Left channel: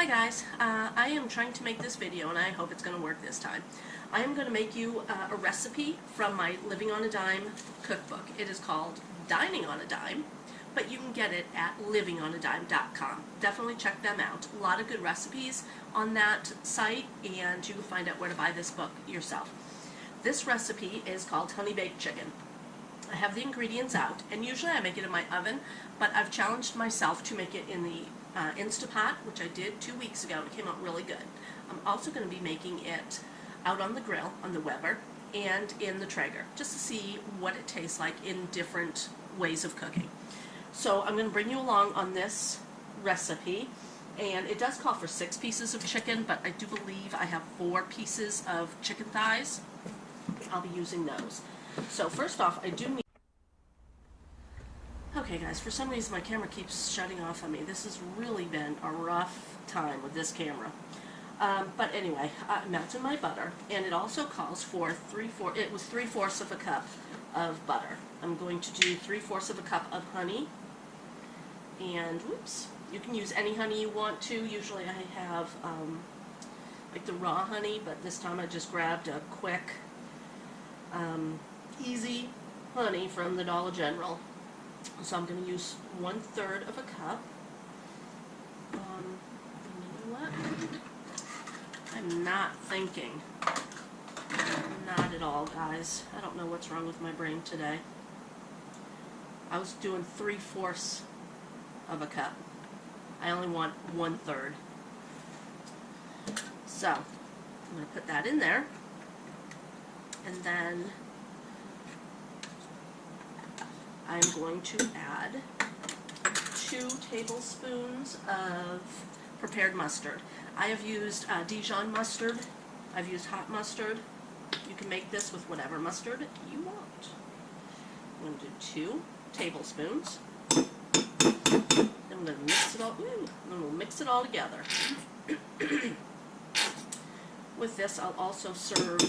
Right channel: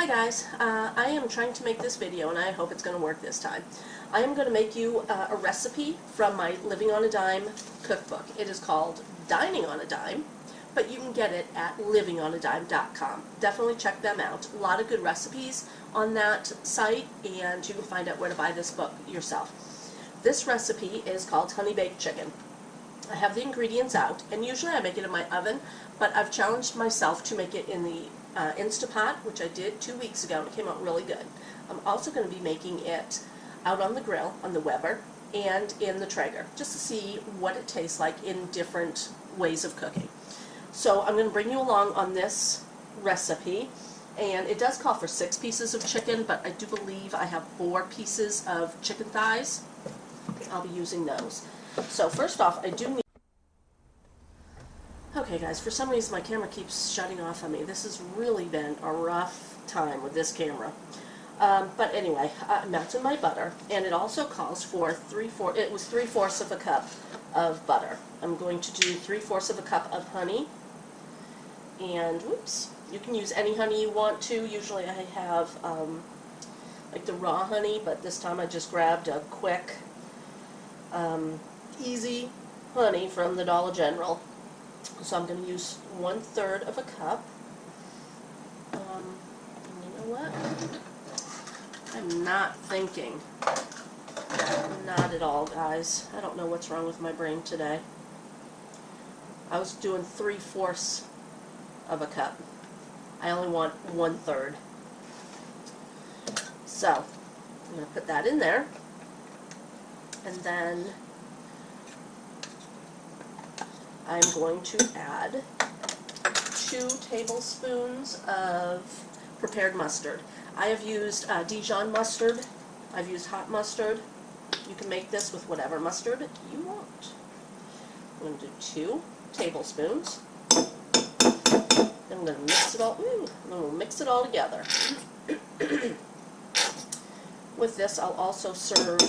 Hi guys, I am trying to make this video and I hope it's going to work this time. I am going to make you a recipe from my Living on a Dime cookbook. It is called Dining on a Dime, but you can get it at livingonadime.com. Definitely check them out. A lot of good recipes on that site, and you can find out where to buy this book yourself. This recipe is called honey baked chicken. I have the ingredients out, and usually I make it in my oven, but I've challenged myself to make it in the Instapot, which I did 2 weeks ago, and it came out really good. I'm also going to be making it out on the grill, on the Weber, and in the Traeger, just to see what it tastes like in different ways of cooking. So I'm going to bring you along on this recipe, and it does call for 6 pieces of chicken, but I do believe I have 4 pieces of chicken thighs. I'll be using those. So first off, I do need... Okay guys, for some reason my camera keeps shutting off on me. This has really been a rough time with this camera. But anyway, I melted my butter, and it also calls for 3/4 of a cup of butter. I'm going to do 3/4 of a cup of honey, and whoops, you can use any honey you want to. Usually I have like the raw honey, but this time I just grabbed a quick, easy honey from the Dollar General. So I'm going to use 1/3 of a cup. And you know what? I'm not thinking. Not at all, guys. I don't know what's wrong with my brain today. I was doing 3/4 of a cup. I only want 1/3. So I'm going to put that in there, and then I'm going to add 2 tablespoons of prepared mustard. I have used Dijon mustard. I've used hot mustard. You can make this with whatever mustard you want. I'm going to do 2 tablespoons. Then I'm going to mix it all. And then we'll mix it all together. With this, I'll also serve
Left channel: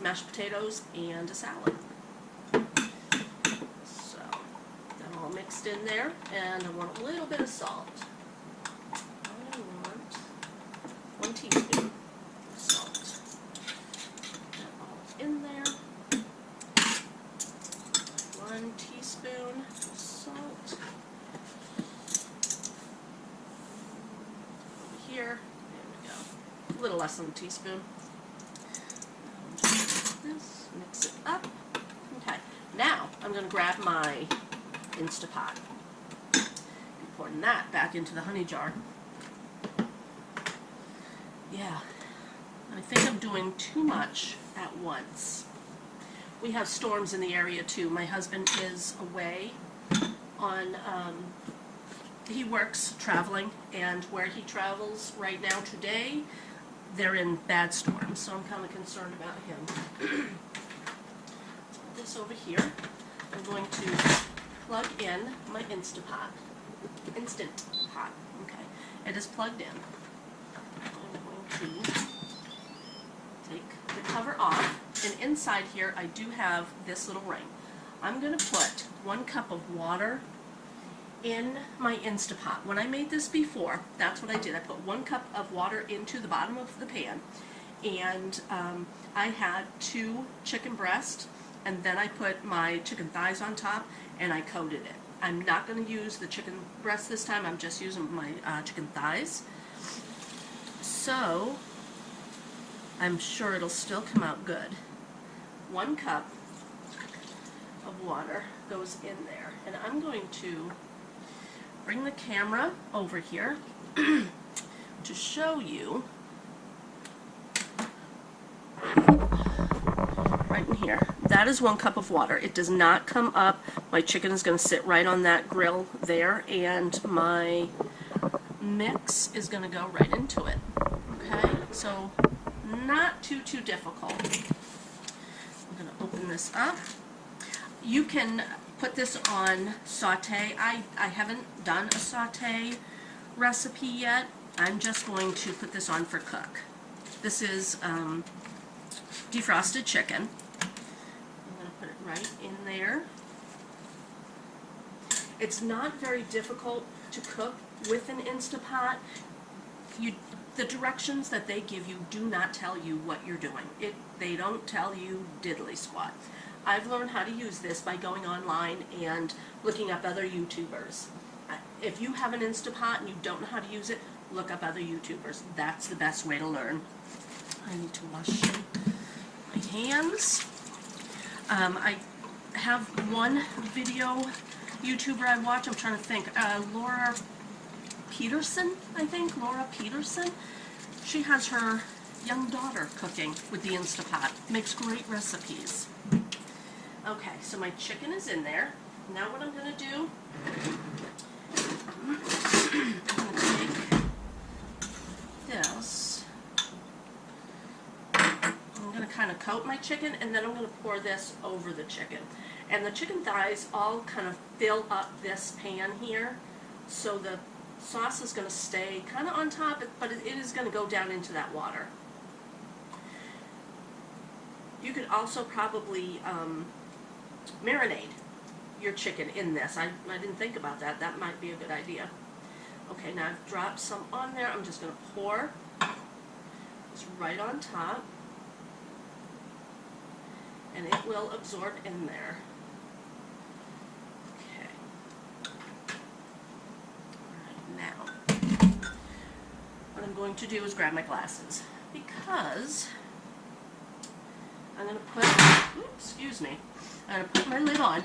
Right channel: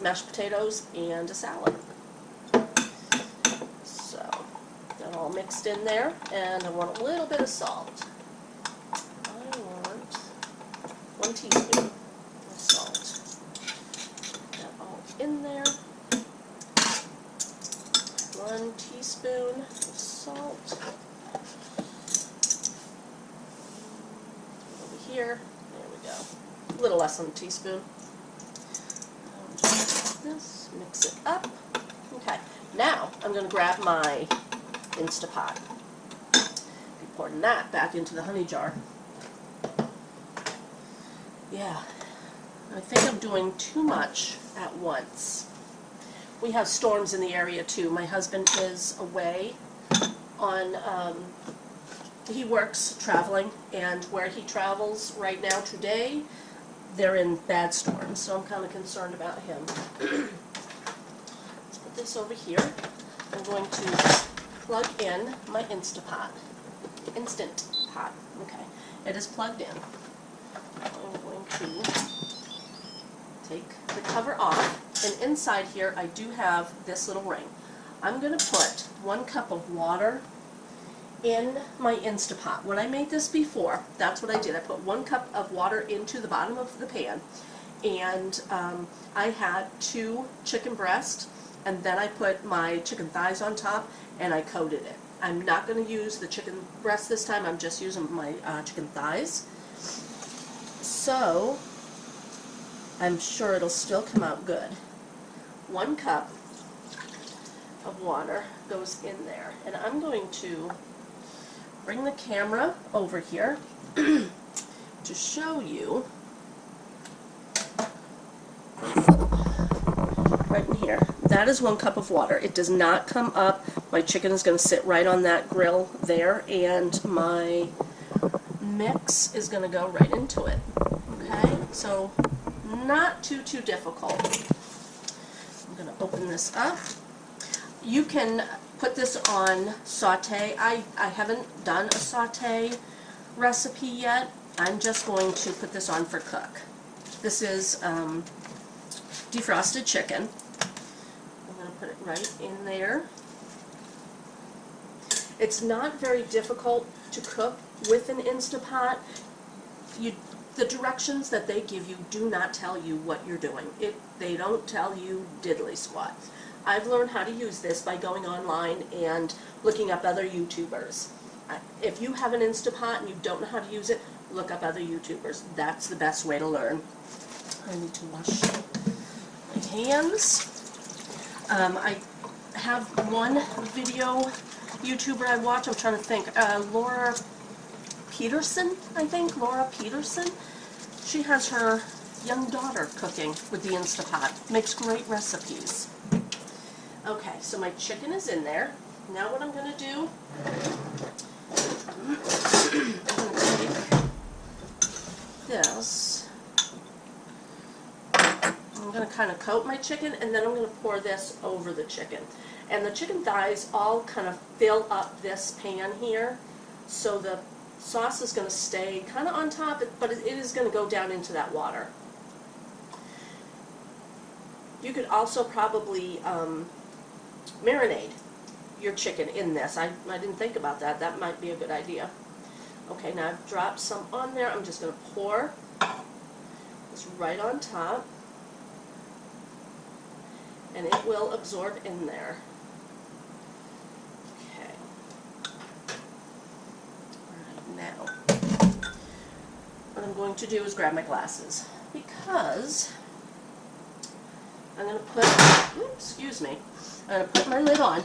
mashed potatoes and a salad. All mixed in there, and I want a little bit of salt. I want 1 teaspoon of salt. Put that all in there. 1 teaspoon of salt. Over here. There we go. A little less than a teaspoon. Just this. Mix it up. Okay. Now I'm going to grab my Instapot. Be pouring that back into the honey jar. Yeah, I think I'm doing too much at once. We have storms in the area too. My husband is away on, he works traveling, and where he travels right now today, they're in bad storms, so I'm kind of concerned about him. Let's put this over here. I'm going to plug in my Instant Pot. Okay, it is plugged in. I'm going to take the cover off, and inside here I do have this little ring. I'm going to put 1 cup of water in my Instant Pot. When I made this before, that's what I did. I put 1 cup of water into the bottom of the pan, and I had 2 chicken breasts, and then I put my chicken thighs on top, and I coated it. I'm not going to use the chicken breast this time. I'm just using my chicken thighs. So I'm sure it'll still come out good. 1 cup of water goes in there, and I'm going to bring the camera over here to show you. Right in here. That is 1 cup of water. It does not come up. My chicken is going to sit right on that grill there, and my mix is going to go right into it. Okay, so not too difficult. I'm going to open this up. You can put this on saute. I haven't done a saute recipe yet. I'm just going to put this on for cook. This is defrosted chicken. I'm going to put it right in there. It's not very difficult to cook with an Instapot. the directions that they give you do not tell you what you're doing. They don't tell you diddly squat. I've learned how to use this by going online and looking up other YouTubers. If you have an Instapot and you don't know how to use it, look up other YouTubers. That's the best way to learn. I need to wash my hands. I have one video YouTuber I watch. I'm trying to think. Laura Peterson, I think. Laura Peterson. She has her young daughter cooking with the Instapot. Makes great recipes. Okay, so my chicken is in there. Now what I'm going to do, I'm going to take this. I'm going to kind of coat my chicken, and then I'm going to pour this over the chicken. And the chicken thighs all kind of fill up this pan here, so the sauce is going to stay kind of on top, but it is going to go down into that water. You could also probably marinate your chicken in this. I didn't think about that. That might be a good idea. Okay, now I've dropped some on there. I'm just going to pour this right on top, and it will absorb in there. Okay. All right, now what I'm going to do is grab my glasses, because I'm going to put, excuse me, I'm going to put my lid on.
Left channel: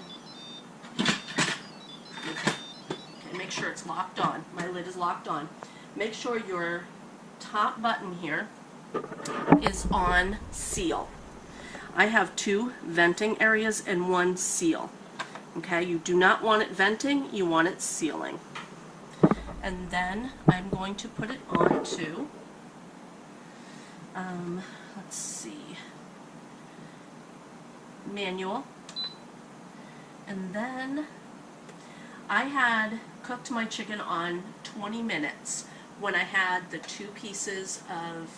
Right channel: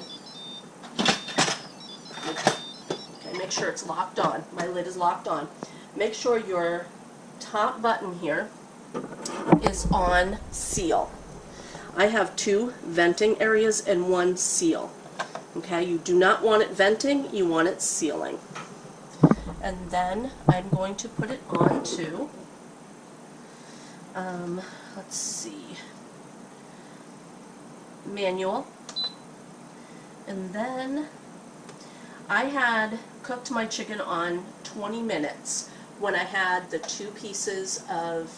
Okay, make sure it's locked on. My lid is locked on. Make sure your top button here is on seal. I have 2 venting areas and 1 seal. Okay, you do not want it venting, you want it sealing. And then I'm going to put it on to, let's see, manual. And then I had cooked my chicken on 20 minutes when I had the 2 pieces of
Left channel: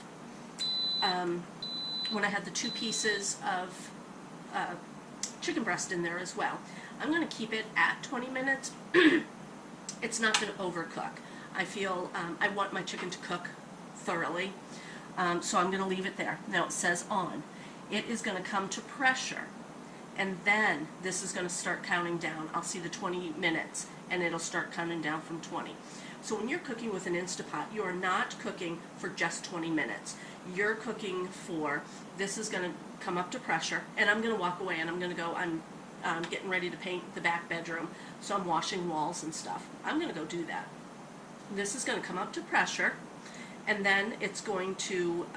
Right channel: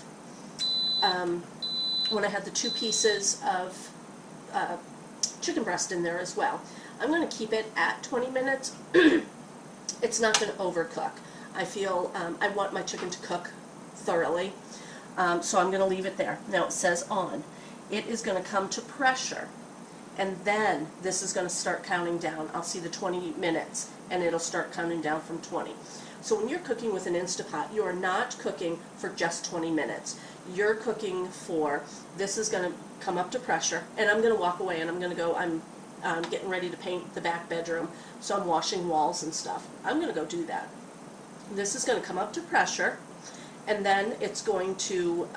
chicken breast in there as well. I'm going to keep it at 20 minutes. It's not going to overcook. I feel I want my chicken to cook thoroughly, so I'm going to leave it there. Now it says on. It is going to come to pressure, and then this is going to start counting down. I'll see the 20 minutes, and it'll start counting down from 20. So when you're cooking with an Instapot, you are not cooking for just 20 minutes. You're cooking for, this is going to come up to pressure, and I'm going to walk away, and I'm going to go, I'm getting ready to paint the back bedroom, so I'm washing walls and stuff. I'm going to go do that. This is going to come up to pressure, and then it's going to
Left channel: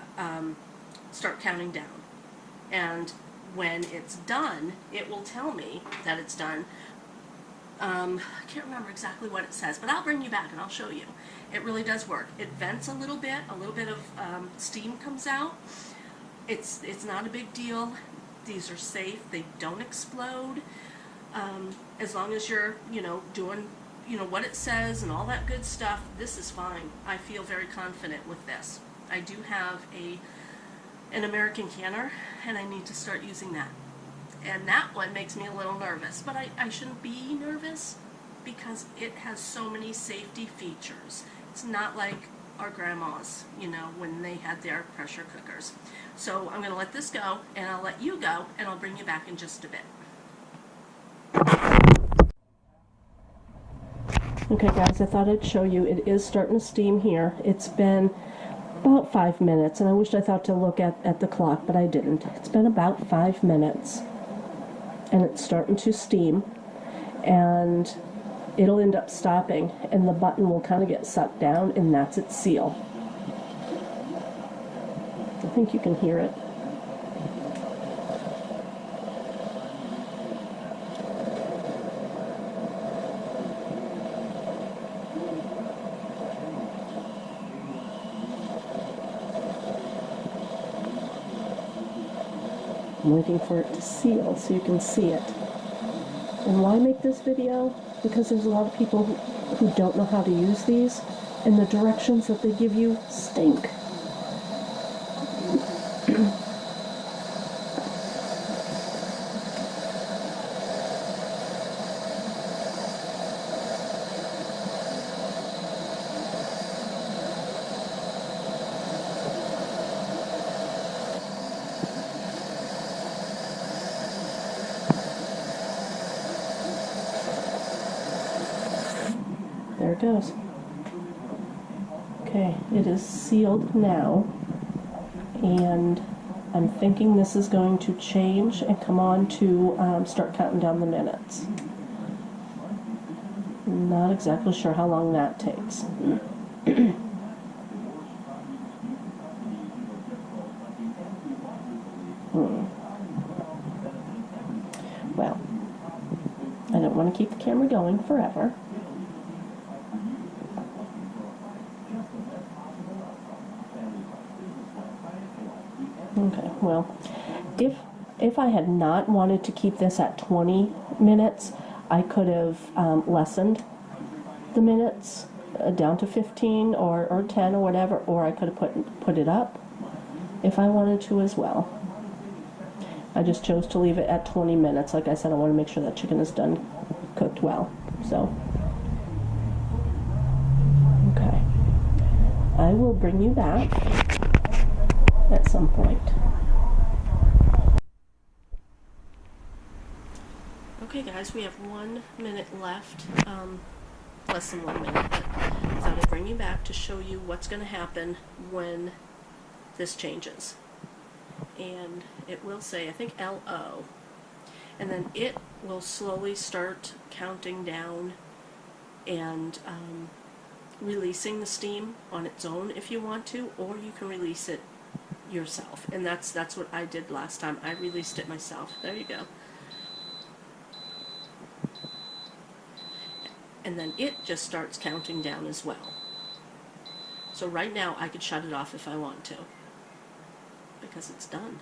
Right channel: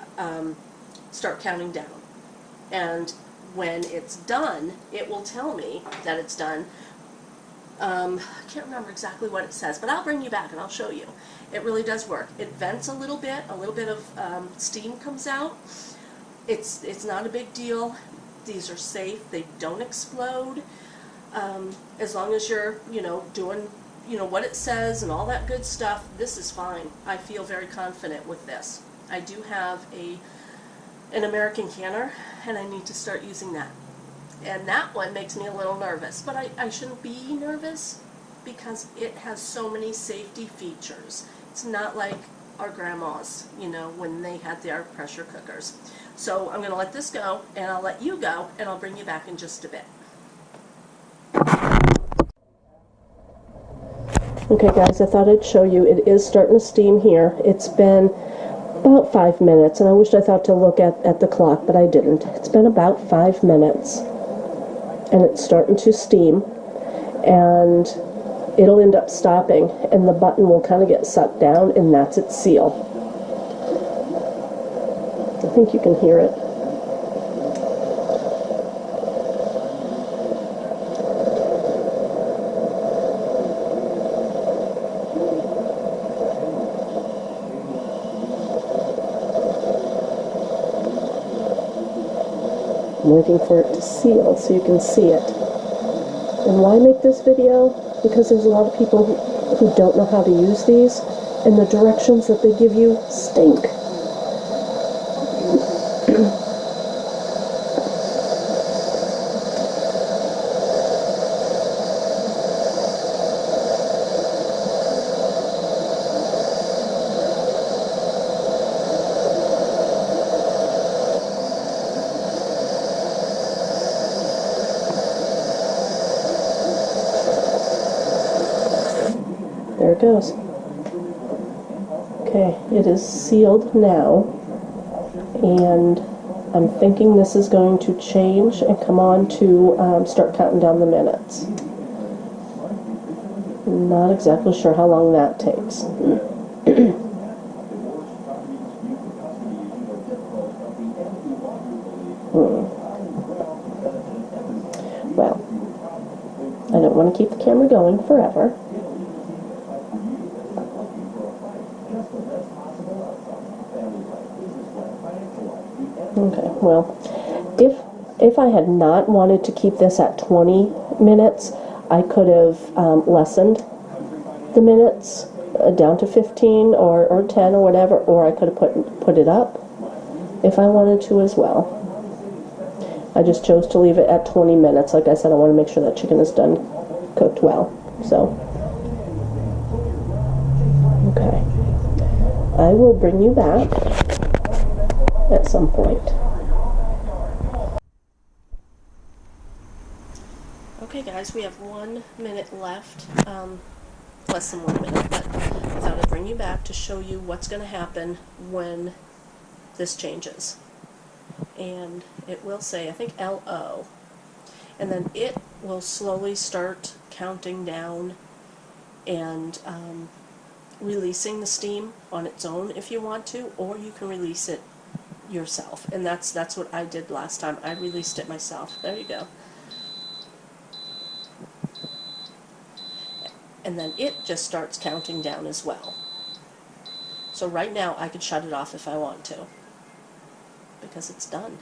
start counting down. And when it's done, it will tell me that it's done. I can't remember exactly what it says, but I'll bring you back and I'll show you. It really does work. It vents a little bit of steam comes out. It's not a big deal. These are safe. They don't explode. As long as you're, doing, what it says and all that good stuff, this is fine. I feel very confident with this. I do have an American canner, and I need to start using that. And that one makes me a little nervous, but I shouldn't be nervous because it has so many safety features. It's not like our grandmas, when they had their pressure cookers. So I'm going to let this go, and I'll let you go, and I'll bring you back in just a bit. Okay guys, I thought I'd show you. It is starting to steam here. It's been about 5 minutes, and I wished I thought to look at the clock, but I didn't. It's been about 5 minutes, and it's starting to steam, and it'll end up stopping, and the button will kind of get sucked down, and that's its seal. I think you can hear it. I'm waiting for it to seal so you can see it. And why make this video? Because there's a lot of people who don't know how to use these, and the directions that they give you stink. goes. Okay, it is sealed now, and I'm thinking this is going to change and come on to start counting down the minutes. Not exactly sure how long that takes. Well, I don't want to keep the camera going forever. Okay, well, if I had not wanted to keep this at 20 minutes, I could have lessened the minutes down to 15 or 10 or whatever, or I could have put it up if I wanted to as well. I just chose to leave it at 20 minutes. Like I said, I want to make sure that chicken is done cooked well. So, okay. I will bring you back at some point. Okay guys, we have 1 minute left, less than 1 minute, but I thought I'd bring you back to show you what's going to happen when this changes. And it will say, I think, LO, and then it will slowly start counting down and releasing the steam on its own if you want to, or you can release it yourself, and that's what I did last time. I released it myself. There you go. And then it just starts counting down as well. So right now I could shut it off if I want to, because it's done.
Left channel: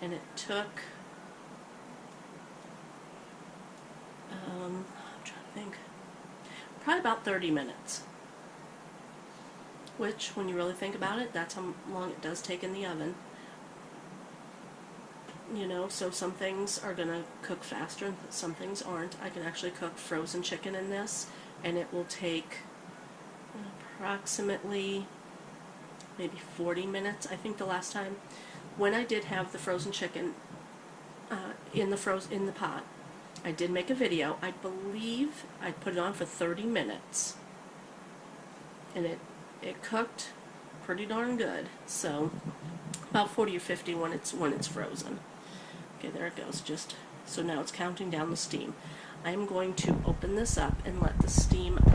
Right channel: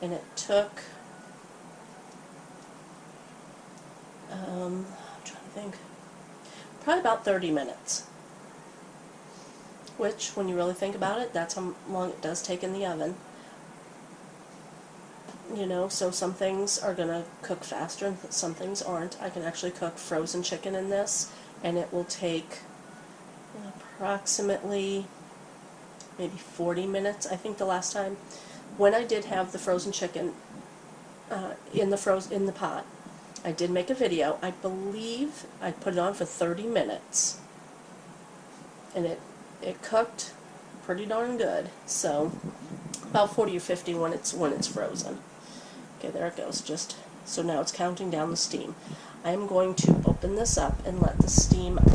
And it took, I'm trying to think, probably about 30 minutes. Which, when you really think about it, that's how long it does take in the oven. You know, so some things are going to cook faster and some things aren't. I can actually cook frozen chicken in this, and it will take approximately maybe 40 minutes. I think the last time when I did have the frozen chicken in the pot, I did make a video. I believe I put it on for 30 minutes, and it cooked pretty darn good. So about 40 or 50 when it's frozen. Okay, there it goes. Just so now it's counting down the steam. I am going to open this up and let the steam out.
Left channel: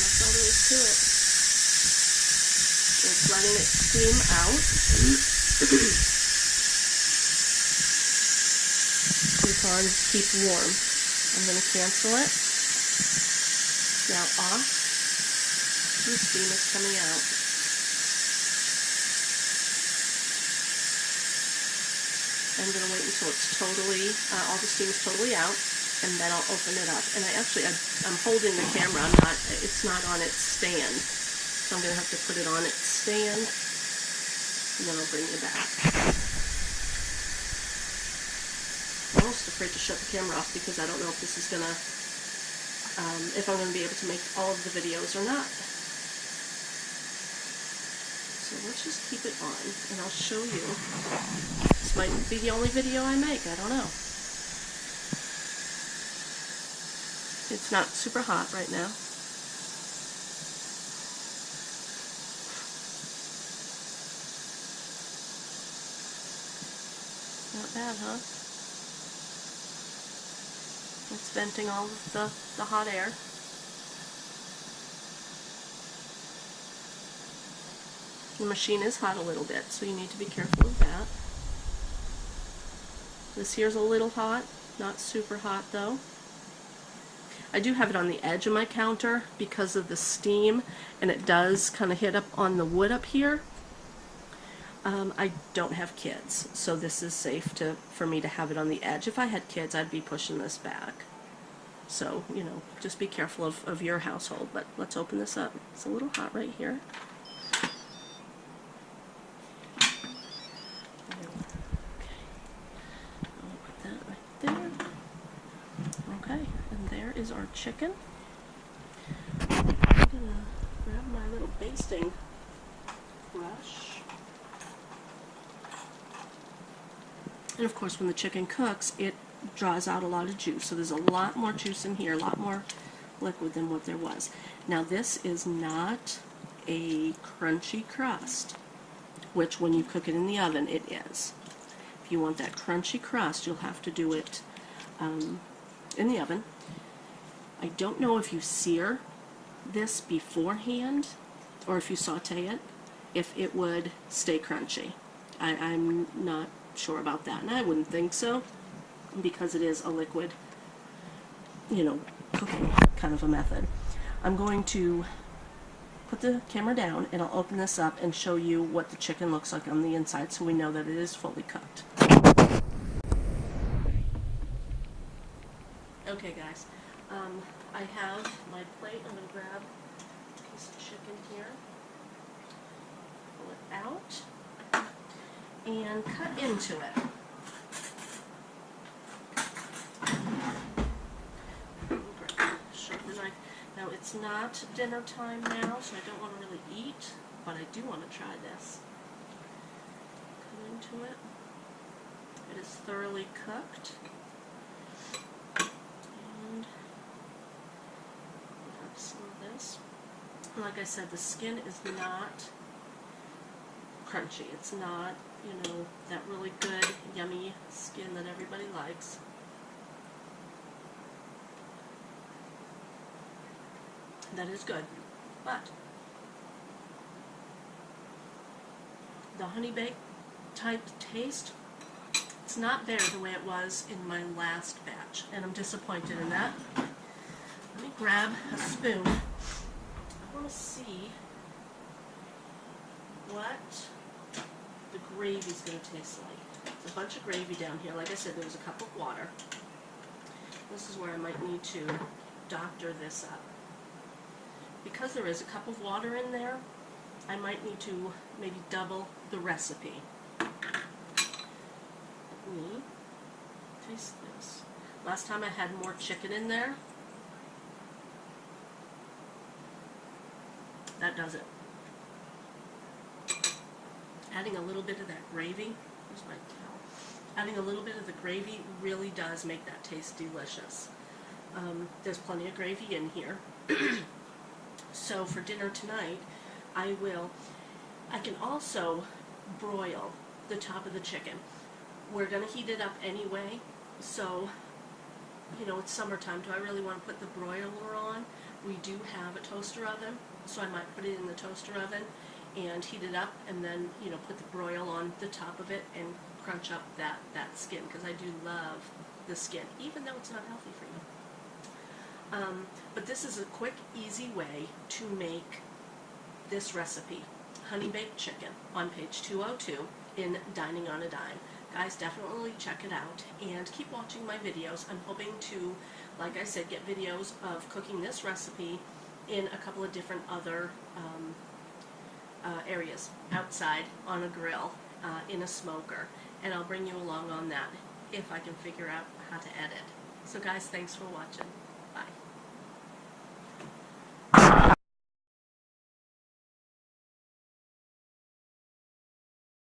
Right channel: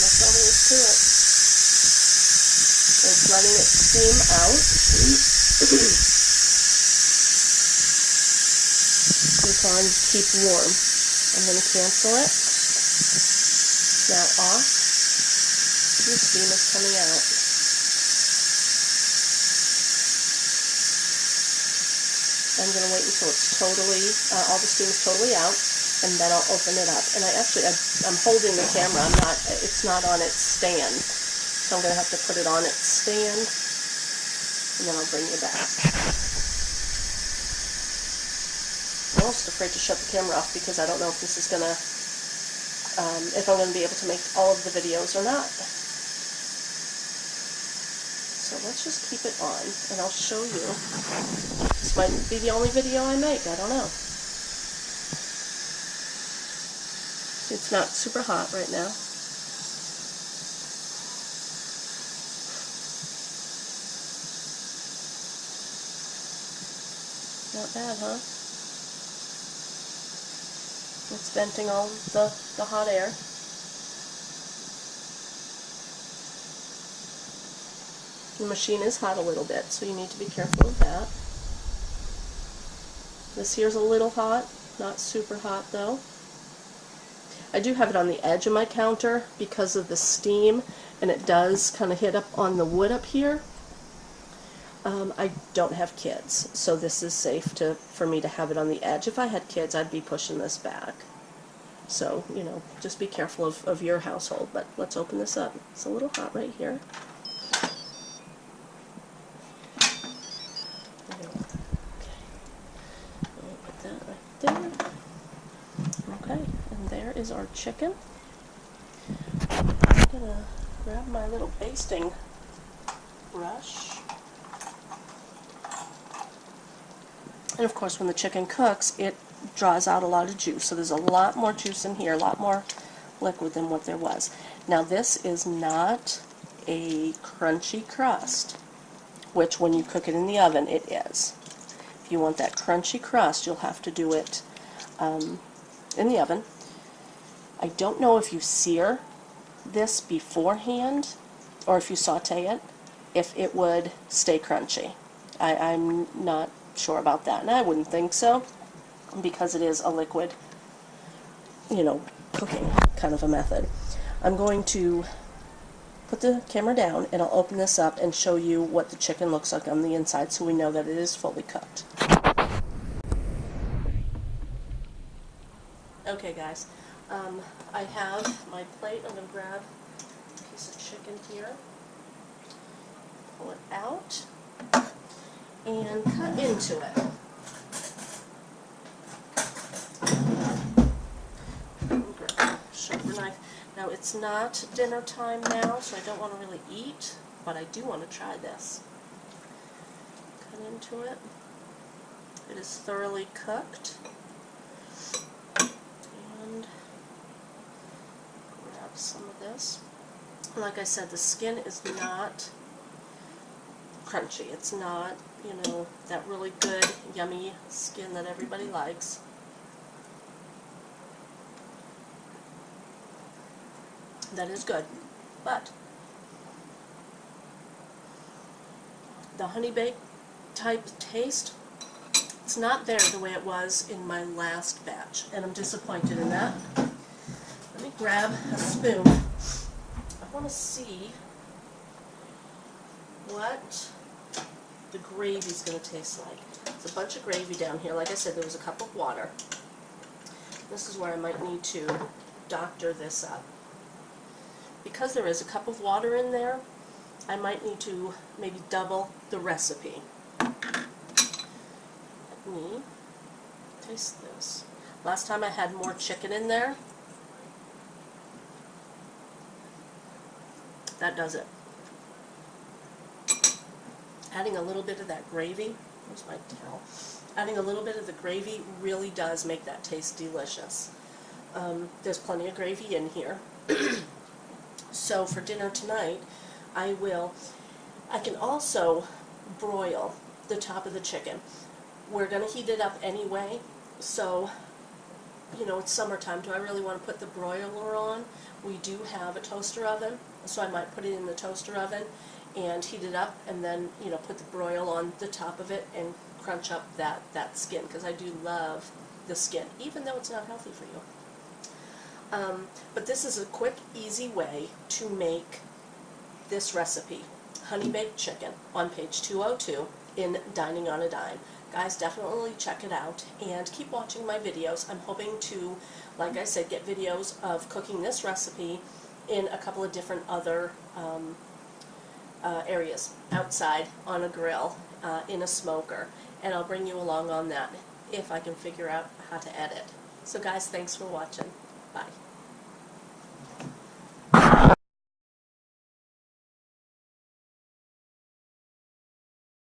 That's all there is to it. It's letting it steam out. It's on keep warm. I'm going to cancel it. Now off. The steam is coming out. I'm going to wait until it's totally, all the steam is totally out, and then I'll open it up. And I'm holding the camera. It's not on its stand, so I'm going to have to put it on its stand, and then I'll bring you back. I'm almost afraid to shut the camera off because I don't know if this is going to, if I'm going to be able to make all of the videos or not. So let's just keep it on, and I'll show you. This might be the only video I make, I don't know. It's not super hot right now. Not bad, huh? It's venting all the hot air. The machine is hot a little bit, so you need to be careful of that. This here's a little hot, not super hot though. I do have it on the edge of my counter because of the steam, and it does kind of hit up on the wood up here. I don't have kids, so this is safe for me to have it on the edge. If I had kids, I'd be pushing this back. So, you know, just be careful of your household. But let's open this up. It's a little hot right here. There. Okay, and there is our chicken. I'm gonna grab my little basting brush. And of course, when the chicken cooks, it draws out a lot of juice. So there's a lot more juice in here, a lot more liquid than what there was. Now this is not a crunchy crust, which when you cook it in the oven it is. If you want that crunchy crust, you'll have to do it in the oven. I don't know if you sear this beforehand or if you saute it, if it would stay crunchy. I'm not sure about that, and I wouldn't think so because it is a liquid, you know, cooking kind of a method. I'm going to put the camera down and I'll open this up and show you what the chicken looks like on the inside so we know that it is fully cooked. Okay guys, I have my plate. I'm going to grab a piece of chicken here, pull it out, and cut into it. Grab a sharper knife. Now it's not dinner time now, so I don't want to really eat, but I do want to try this. Cut into it. It is thoroughly cooked. And grab some of this. Like I said, the skin is not crunchy. It's not, you know, that really good, yummy skin that everybody likes. That is good, but the honey baked type taste, it's not there the way it was in my last batch, and I'm disappointed in that. Let me grab a spoon. I want to see what the gravy's going to taste like. There's a bunch of gravy down here. Like I said, there was a cup of water. This is where I might need to doctor this up. Because there is a cup of water in there, I might need to maybe double the recipe. Let me taste this. Last time I had more chicken in there. That does it. Adding a little bit of that gravy, where's my towel? Adding a little bit of the gravy really does make that taste delicious. There's plenty of gravy in here. So for dinner tonight, I can also broil the top of the chicken. We're going to heat it up anyway, so, you know, it's summertime. Do I really want to put the broiler on? We do have a toaster oven, so I might put it in the toaster oven and heat it up and then, you know, put the broil on the top of it and crunch up that skin, because I do love the skin, even though it's not healthy for you. But this is a quick, easy way to make this recipe, honey baked chicken, on page 202 in Dining on a Dime. Guys, definitely check it out and keep watching my videos. I'm hoping to, like I said, get videos of cooking this recipe in a couple of different other areas, outside, on a grill, in a smoker, and I'll bring you along on that if I can figure out how to edit. So guys, thanks for watching.